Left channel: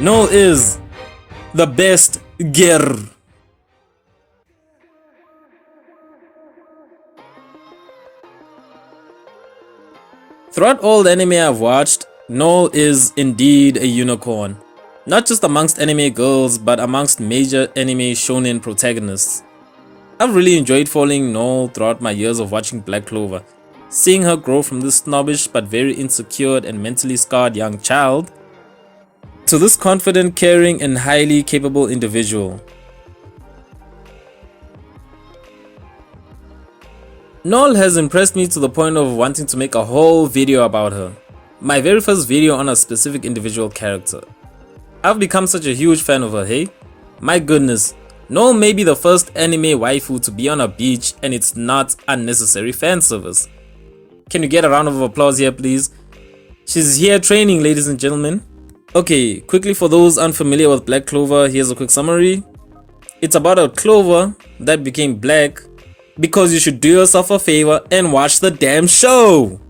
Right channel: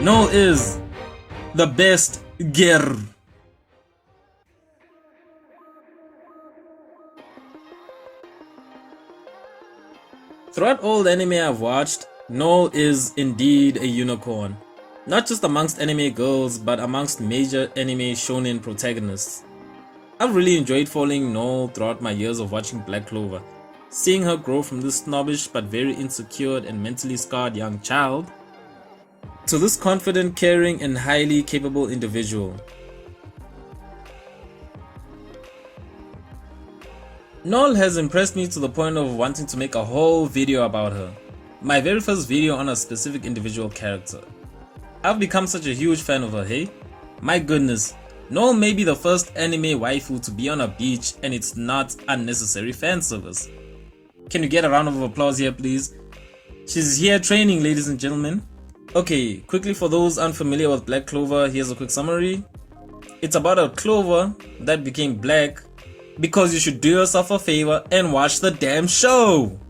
Noelle is the best girl. Throughout all the anime I've watched, Noelle is indeed a unicorn. Not just amongst anime girls, but amongst major anime shonen protagonists. I've really enjoyed following Noelle throughout my years of watching Black Clover, seeing her grow from this snobbish but very insecure and mentally scarred young child to this confident, caring, and highly capable individual. Noelle has impressed me to the point of wanting to make a whole video about her. My very first video on a specific individual character. I've become such a huge fan of her, hey? My goodness, Noelle may be the first anime waifu to be on a beach and it's not unnecessary fan service. Can you get a round of applause here, please? She's here training, ladies and gentlemen. Okay, quickly for those unfamiliar with Black Clover, here's a quick summary. It's about a clover that became black because you should do yourself a favor and watch the damn show.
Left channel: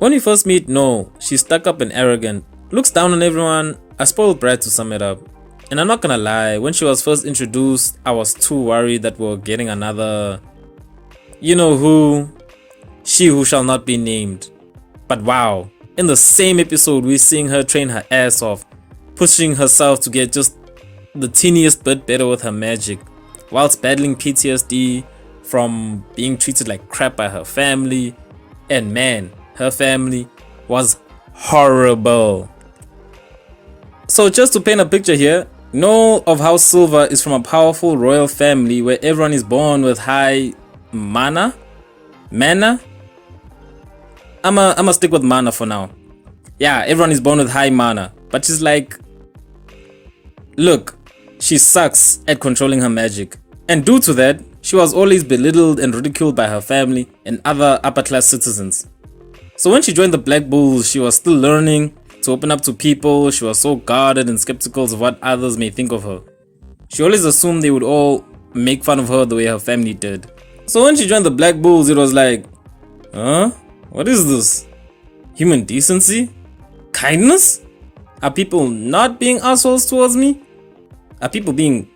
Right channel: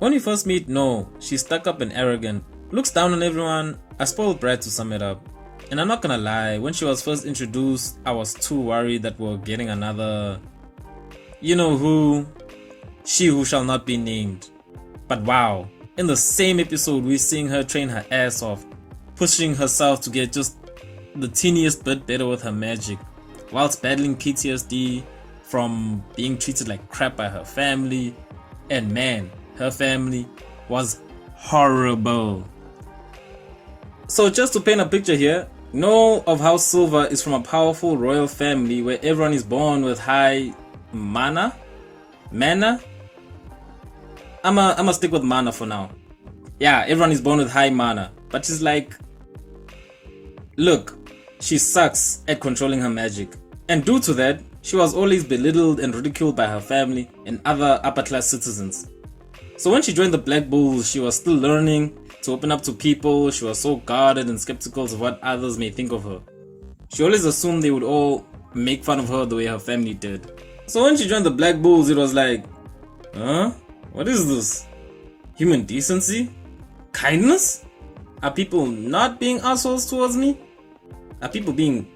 When we first meet Noelle, she's stuck up and arrogant, looks down on everyone, a spoiled brat to sum it up. And I'm not gonna lie, when she was first introduced, I was too worried that we were getting another, you know who, she who shall not be named. But wow, in the same episode we're seeing her train her ass off, pushing herself to get just the teeniest bit better with her magic, whilst battling PTSD from being treated like crap by her family. And man, her family was horrible. So just to paint a picture here, know of how Silva is from a powerful royal family where everyone is born with high mana? I'ma stick with mana for now. Yeah, everyone is born with high mana, but she's like, look, she sucks at controlling her magic. And due to that, she was always belittled and ridiculed by her family and other upper class citizens. So when she joined the Black Bulls, she was still learning to open up to people. She was so guarded and skeptical of what others may think of her. She always assumed they would all make fun of her the way her family did. So when she joined the Black Bulls, it was like, huh? What is this? Human decency? Kindness? Are people not being assholes towards me? Are people being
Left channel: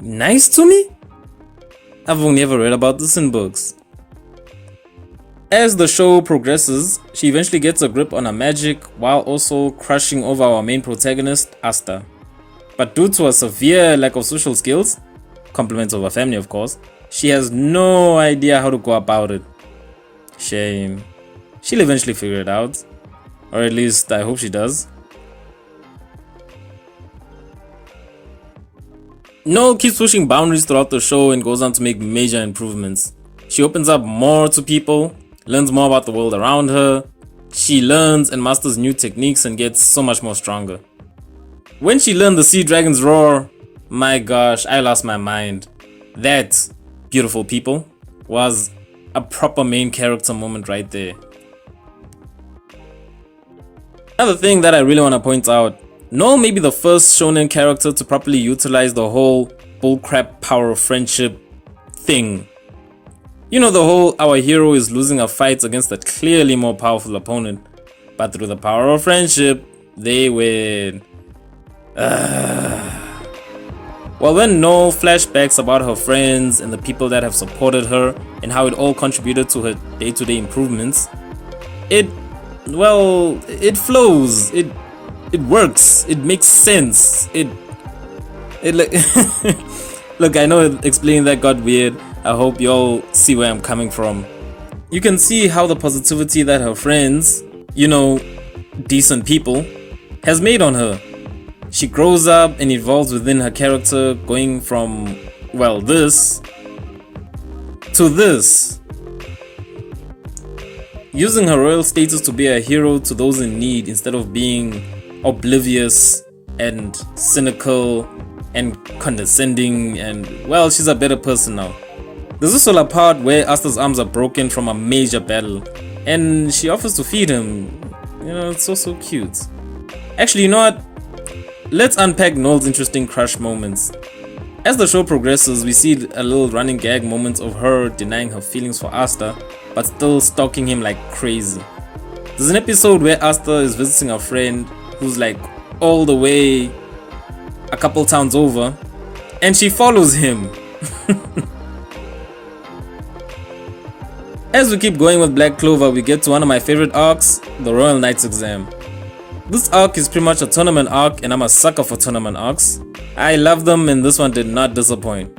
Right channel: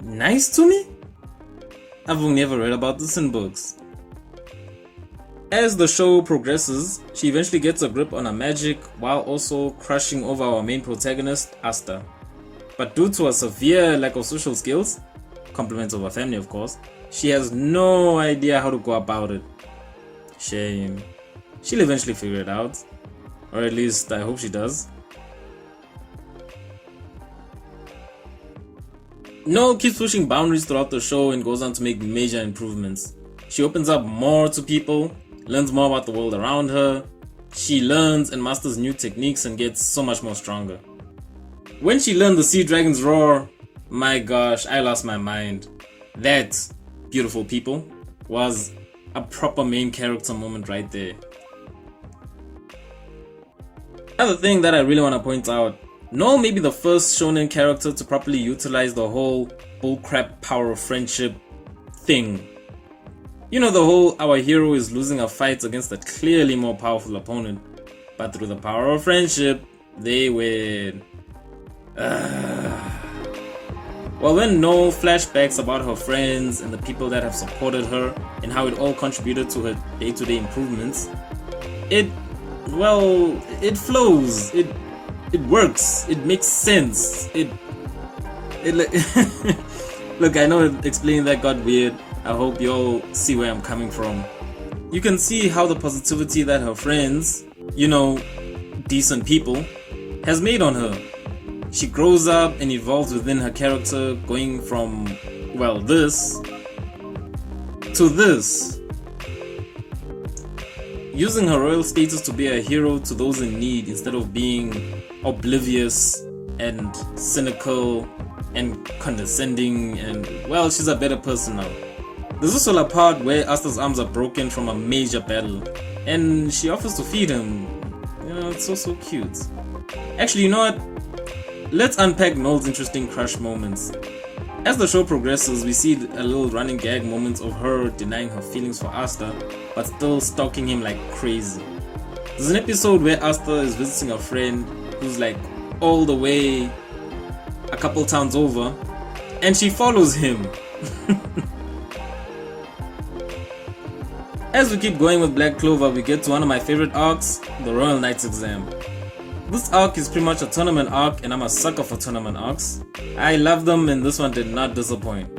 nice to me? I've only ever read about this in books. As the show progresses, she eventually gets a grip on her magic while also crushing over our main protagonist, Asta. But due to a severe lack of social skills, compliments of her family of course, she has no idea how to go about it. Shame. She'll eventually figure it out. Or at least I hope she does. Noelle keeps pushing boundaries throughout the show and goes on to make major improvements. She opens up more to people, learns more about the world around her. She learns and masters new techniques and gets so much more stronger. When she learned the sea dragon's roar, my gosh, I lost my mind. That, beautiful people, was a proper main character moment right there. Another thing that I really want to point out, Noelle may be the first shonen character to properly utilize the whole bullcrap power of friendship thing. You know, the whole our hero is losing a fight against a clearly more powerful opponent, but through the power of friendship, they win. Well, when Noelle flashbacks about her friends and the people that have supported her and how it all contributed to her day-to-day improvements, it flows, it works, it makes sense, it like look, I know explaining that got weird. I hope you all see where I'm coming from. You can see how the positivity that her friends, you know, decent people, has made on her. She grows up and evolves within her character, going from, well, this to this. Using her royal status to be a hero to those in need instead of being oblivious and cynical and condescending, and well, she's a better person now. There's also a part where Asta's arms are broken from a major battle and she offers to feed him. You know, it's so cute. Actually, you know what? Let's unpack Noelle's interesting crush moments. As the show progresses, we see a little running gag moments of her denying her feelings for Asta, but still stalking him like crazy. There's an episode where Asta is visiting a friend who's like all the way a couple towns over, and she follows him. As we keep going with Black Clover, we get to one of my favorite arcs, the Royal Knights exam. This arc is pretty much a tournament arc, and I'm a sucker for tournament arcs. I love them, and this one did not disappoint.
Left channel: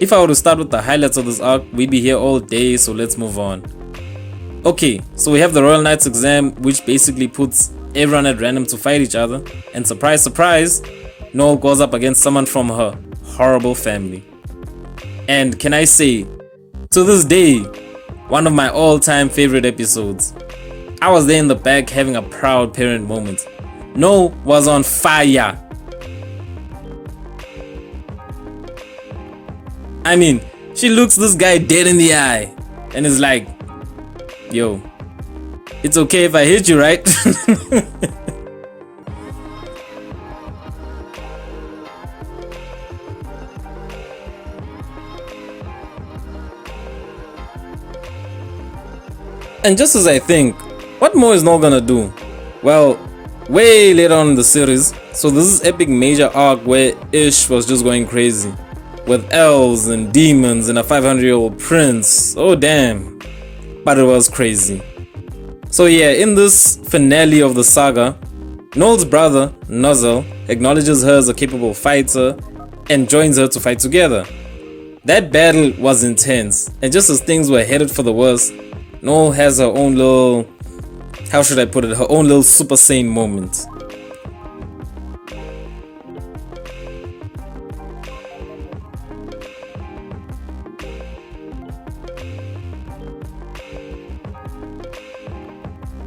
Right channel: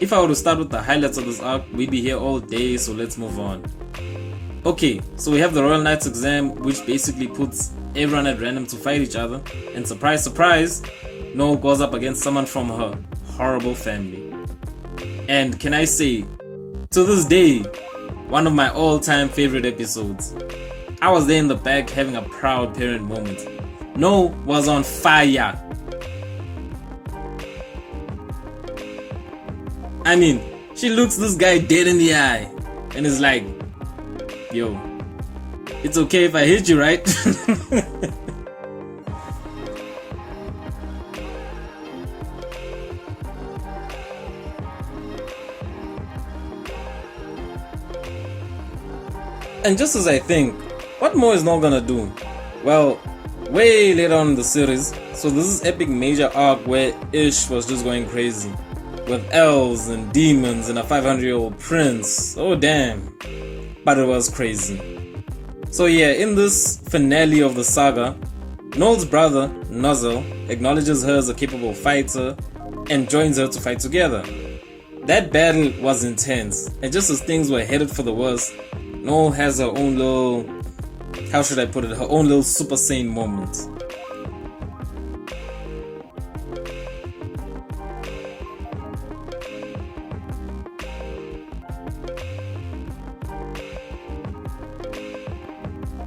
If I were to start with the highlights of this arc, we'd be here all day, so let's move on. Okay, so we have the Royal Knights exam, which basically puts everyone at random to fight each other, and surprise surprise, Noelle goes up against someone from her horrible family. And can I say, to this day, one of my all-time favorite episodes. I was there in the back having a proud parent moment. Noelle was on fire. I mean, she looks this guy dead in the eye and is like, yo, it's okay if I hit you, right? And just as I think, what more is Noelle gonna do? Well, way later on in the series, so this is epic major arc where Ish was just going crazy. With elves and demons and a 500-year-old prince. Oh damn. But it was crazy. So yeah, in this finale of the saga, Noelle's brother, Noelle, acknowledges her as a capable fighter and joins her to fight together. That battle was intense, and just as things were headed for the worst, Noelle has her own little, how should I put it, her own little Super Saiyan moment.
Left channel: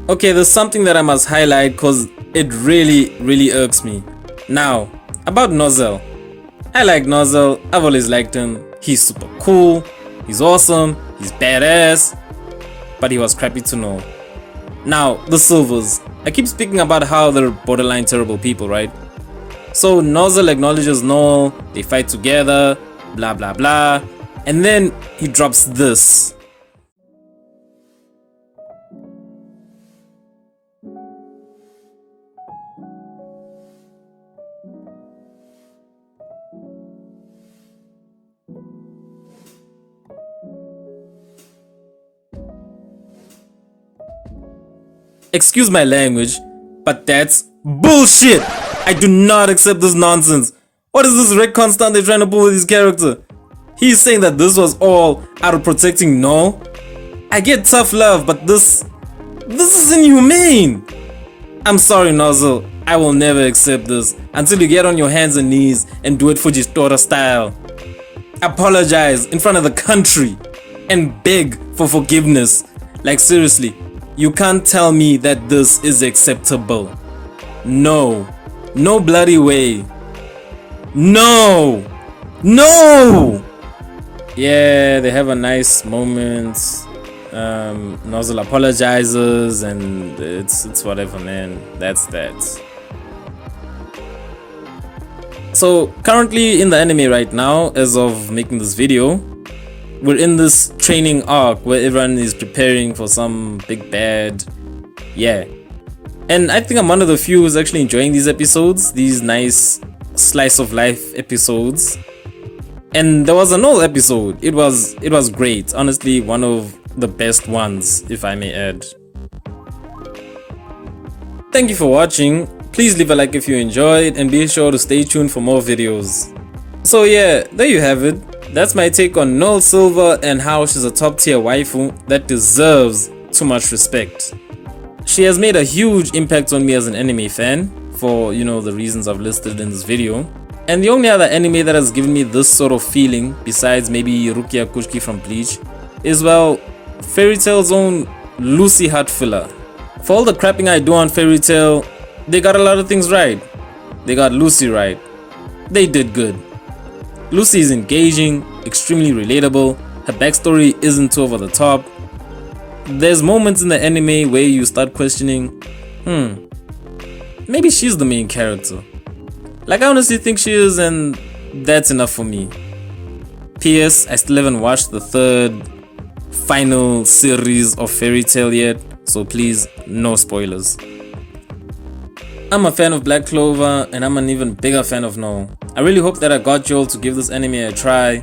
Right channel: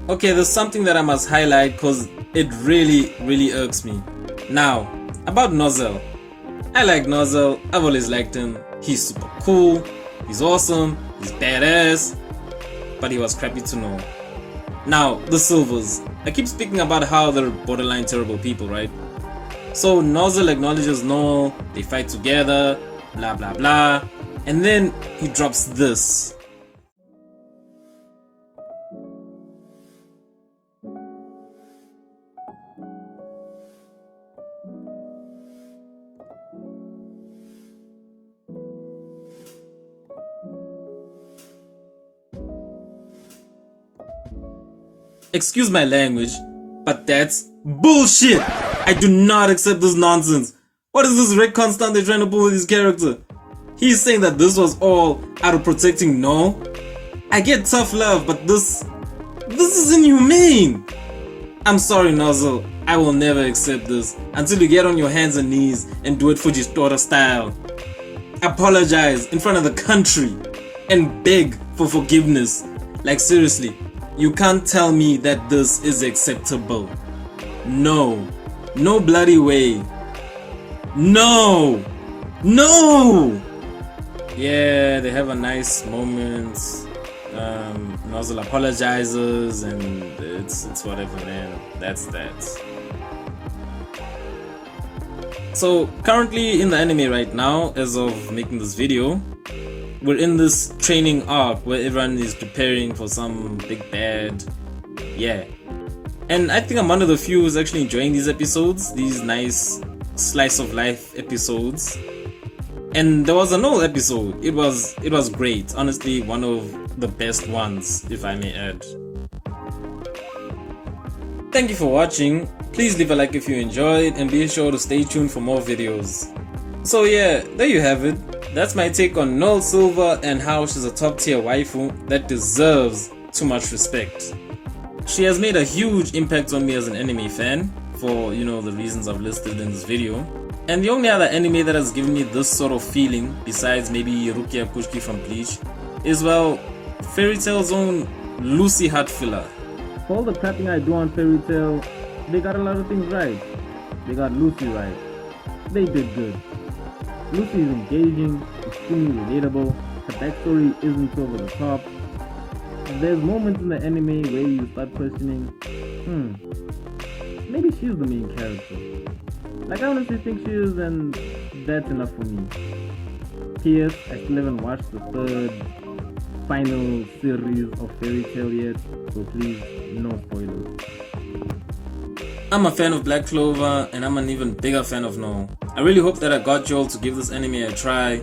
Okay, there's something that I must highlight because it really irks me. Now, about Noelle. I like Noelle, I've always liked him. He's super cool, he's awesome, he's badass, but he was crappy to Noelle. Now, the Silvers. I keep speaking about how they're borderline terrible people, right? So Noelle acknowledges Noelle, they fight together, blah blah blah, and then he drops this. Excuse my language, but that's bullshit! I do not accept this nonsense. What is this retcon stunt they're trying to pull with his character? He's saying that this was all out of protecting Noelle? I get tough love, but this is inhumane! I'm sorry, Noelle, I will never accept this until you get on your hands and knees and do it Fujitora style. Apologize in front of the country and beg for forgiveness. Like seriously, you can't tell me that this is acceptable. No. No bloody way. No. No. Yeah, they have a nice moment. Noelle apologizes and it's whatever, man. That's that. So currently in the anime right now, as of making this video, we're in this training arc where everyone is preparing for some big bad. Yeah. And I think I'm one of the few who's actually enjoying these episodes, these nice slice of life episodes. And there was an old episode. It was great. Honestly, one of the best ones, if I may add. Thank you for watching. Please leave a like if you enjoyed and be sure to stay tuned for more videos. So yeah, there you have it. That's my take on Noelle Silva and how she's a top tier waifu that deserves too much respect. She has made a huge impact on me as an anime fan for, you know, the reasons I've listed in this video. And the only other anime that has given me this sort of feeling, besides maybe Rukia Kushki from Bleach, is, well, Fairy Tail's own Lucy Heart filler. For all the crapping I do on Fairy Tail, they got a lot of things right. They got Lucy right. They did good. Lucy is engaging, extremely relatable, her backstory isn't too over the top. There's moments in the anime where you start questioning, maybe she's the main character. Like, I honestly think she is, and that's enough for me. P.S. I still haven't watched the third final series of Fairy Tail yet, so please, no spoilers. I'm a fan of Black Clover, and I'm an even bigger fan of Noelle. I really hope that I got you all to give this anime a try.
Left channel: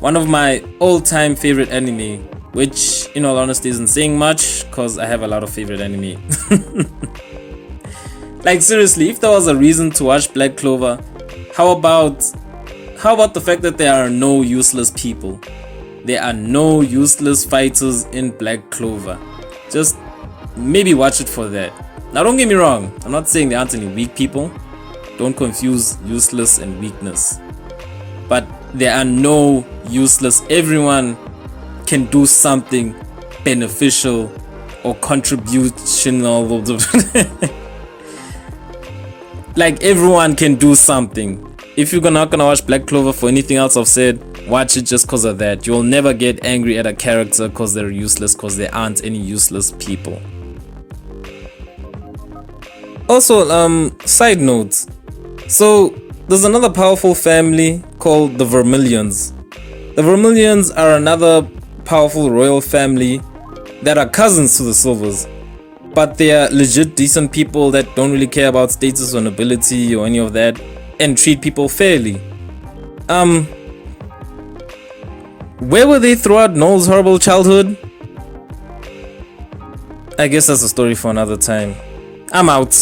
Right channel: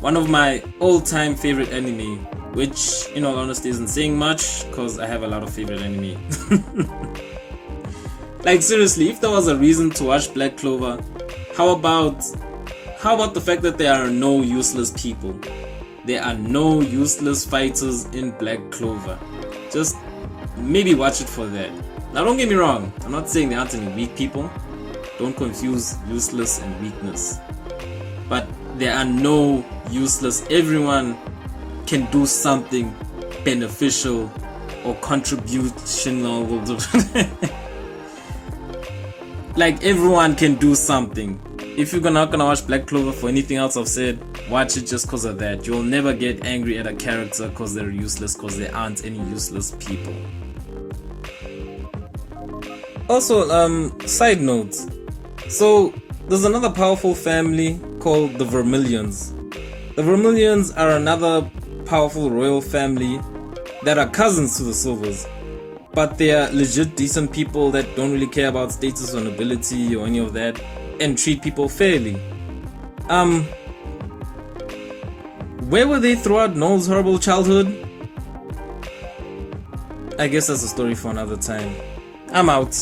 One of my all-time favorite anime, which in all honesty isn't saying much because I have a lot of favorite anime. Like seriously, if there was a reason to watch Black Clover, how about the fact that there are no useless people? There are no useless fighters in Black Clover. Just maybe watch it for that. Now don't get me wrong, I'm not saying there aren't any weak people. Don't confuse useless and weakness. But there are no useless. Everyone can do something beneficial or contributional. Like everyone can do something. If you're not gonna watch Black Clover for anything else I've said, watch it just because of that. You'll never get angry at a character because they're useless, because there aren't any useless people. Also, side note. So there's another powerful family called the Vermilions. The Vermilions are another powerful royal family that are cousins to the Silvers, but they are legit decent people that don't really care about status or nobility or any of that and treat people fairly. Where were they throughout Noelle's horrible childhood? I guess that's a story for another time. I'm out.